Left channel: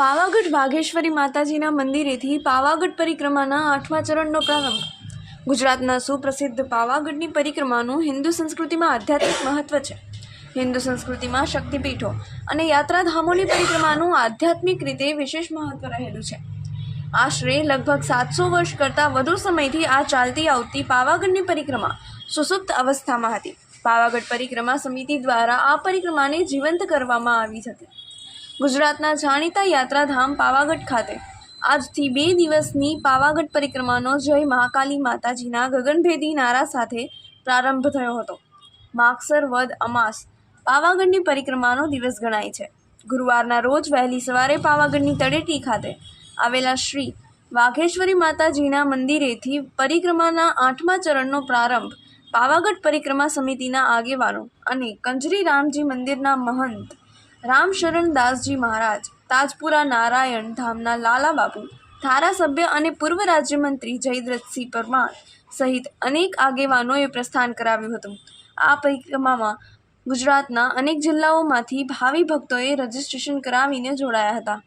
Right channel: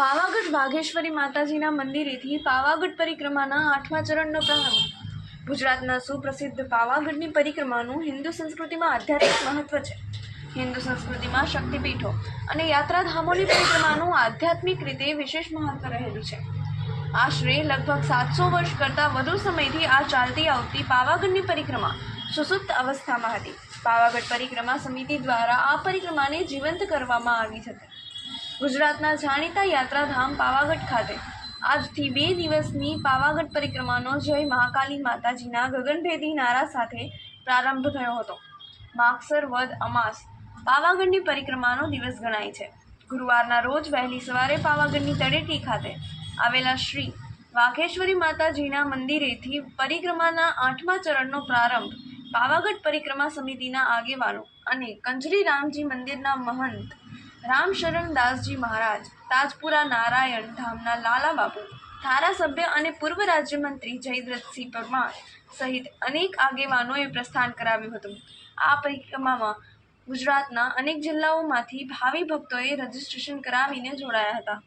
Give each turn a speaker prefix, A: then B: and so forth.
A: પાવાગઢ વાઘેશ્વરી માતાજીના મંદિરેથી પાવાગઢ પરિક્રમાના આઠમા ચરણનો પ્રારંભ. ગુજરાતના સુપ્રસિદ્ધ પાવાગઢની પરિક્રમાનું હિન્દુ સંસ્કૃતિમાં આધ્યાત્મિક મહત્વ છે. હિન્દુ સંસ્કૃતિમાં શક્તિપીઠો અને યાત્રાધામોની પરિક્રમાનું આધ્યાત્મિક રીતે વિશેષ મહત્વ રહેલું છે. આશરે લગભગ સાતસો વર્ષ કરતાં વધુ સમયથી આ ચાલતી આવતી પાવાગઢની પરિક્રમા સુસુપ્ત અવસ્થામાં હતી. પાવાગઢ પરિક્રમા સમિતિ દ્વારા આ પરિક્રમાને જીવંત કરવામાં આવી હતી. ગુજરાતના જાણીતા યાત્રાધામ પાવાગઢ ખાતે. આજથી બે દિવસની પાવાગઢ પરિક્રમાનો જય મહાકાલી માતાજીના ગગનભેદી નારા સાથે પ્રારંભ થયો હતો. માગસર વદ અમાસ પાવાગઢની પરિક્રમાનો દિવસ ગણાય છે. ગુરુવારના રોજ વહેલી સવારે પાવાગઢની તળેટી ખાતે આવેલા શ્રી વાઘેશ્વરી માતાજીના મંદિરેથી પરિક્રમાના આઠમા ચરણનો પ્રારંભ પાવાગઢ પરિક્રમા સમિતિના આગેવાનો અને કંજરી રામજી મંદિરના મહંત રામશરણ દાસજી મહારાજ, તાજપુરા નારાયણ ધામના લાલાબાપુ ધારાસભ્ય અને પૂર્વ રાજ્યમંત્રી જયદ્રથસિંહ પરમાર સહિત અનેક આગેવાનોએ પ્રસ્થાન કરાવ્યું હતું. આ પરિક્રમામાં ગુજરાતના અનેક જિલ્લાઓમાંથી ભાવિ ભક્તોએ રજીસ્ટ્રેશન કરાવીને જોડાયા હતા.